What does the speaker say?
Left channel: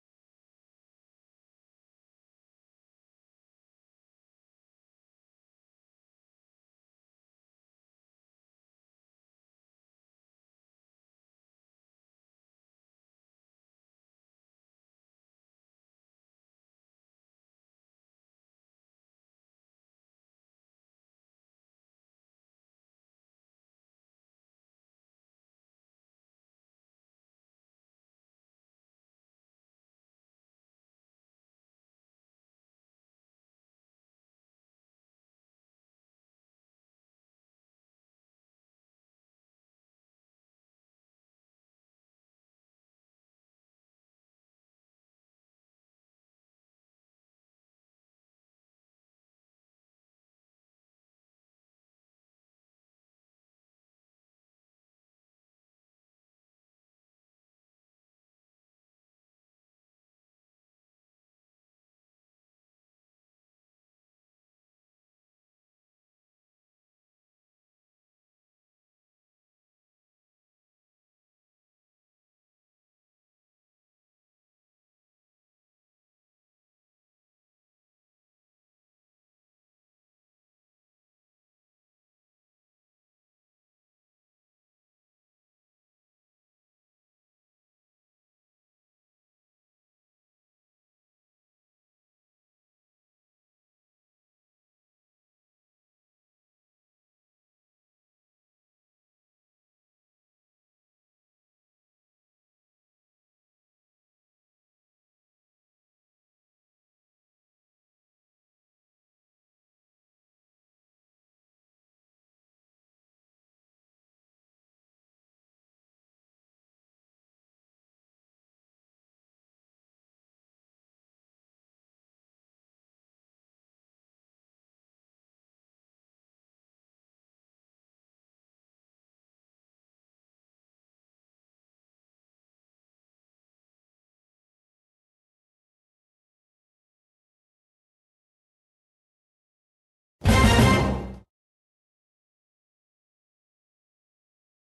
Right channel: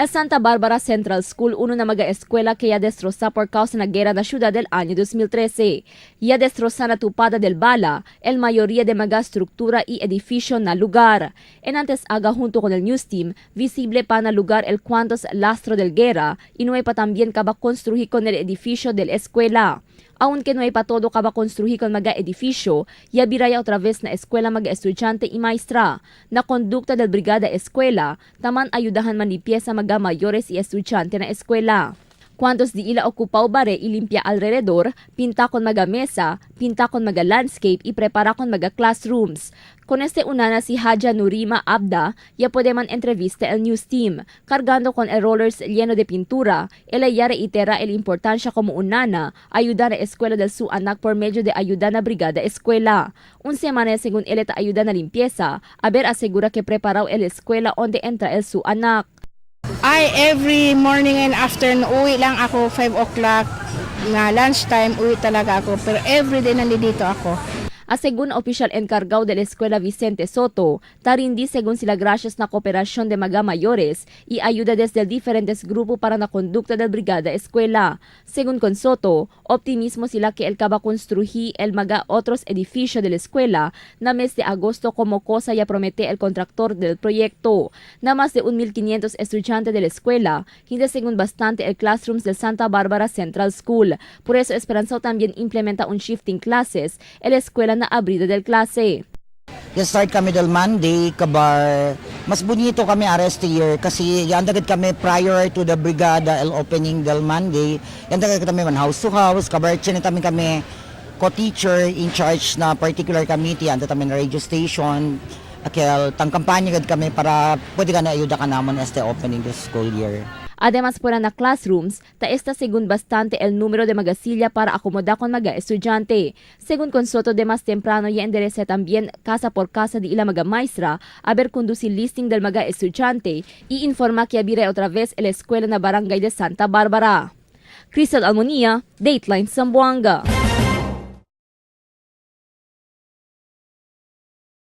El Santa Barbara Central School, uno na mag-eskwela que ya destroza por causa na guerra na ciudad del año 2013. Ya destroza na tupada del bala, el mayoría de mga estructura y edificio na lugar. En antes aga junto con el news team, visible pa na lugar el cuantos lastro del guerra, y no hay pa también kaba construir con el edificio del escuela. Aunque no hay pa todo kaba construir con mga edificio, ya biraya otra vez na eskwela mga estudyante y maestra. Na kondukta del Brigada Eskwela, taman ayudahan man ni pieza mga mayores y estudyante na eskwela. Cuantos di ila okupaw bare ilimpia alrededor, pinta con mga mesa, pinta con mga landscape y prepara con mga classrooms. Con este unana si Haja Nurima Abda, ya puede man entrevista el news team, cargando con el rollers lleno de pintura, ella ya reitera el importancia como unana, ayuda na eskwela del su anak por medio de ayuda na brigada eskwela. Un semana según ella ta ayuda na limpieza, aber asegura que preparao el eskwela onde entra el su anak. Every morning and afternoon, uwi lang ako 5 o'clock. Nga lunchtime, uwi talaga ako. Pero everyday nandito ako. Según oficial encargado de la escuela Vicente Soto, tarindi según sila gracias na kooperación de mga mayores y ayuda desde diferentes grupos para na conducta del brigada escuela. Según con Soto, optimismo sila que el kaba construir el mga otros edificios de la escuela na mes de agosto como cosa ya promete el contractor del proyecto. Na más de 1,500 estudiantes de la escuela, hindi según bastante el classrooms del Santa Barbara Central School. Por eso esperanzado también implementa un shifting classes el escuela na abrida del klase. Start kami del Monday, kabar mas bonito kami arrest year kasi yandagad kami prior to the brigada el opening del Monday. Yandagad kami man house to house, kabar chinita kami co-teacher in charge na particular committee, anda kami na radio station. Akel tang kampanya gad kami para pwede ka na ayuda ka namon este opening this school year. Además, por na classrooms, ta esta según bastante el número de mga silya para acomodar con mga estudyante. Según con Soto, de más temprano ya enderece también casa por casa de ila mga maestra, a ver conducir listing del mga estudyante y informa que abire otra vez el escuela na barangay de Santa Barbara. Crystal Almonia, Dateline Zamboanga.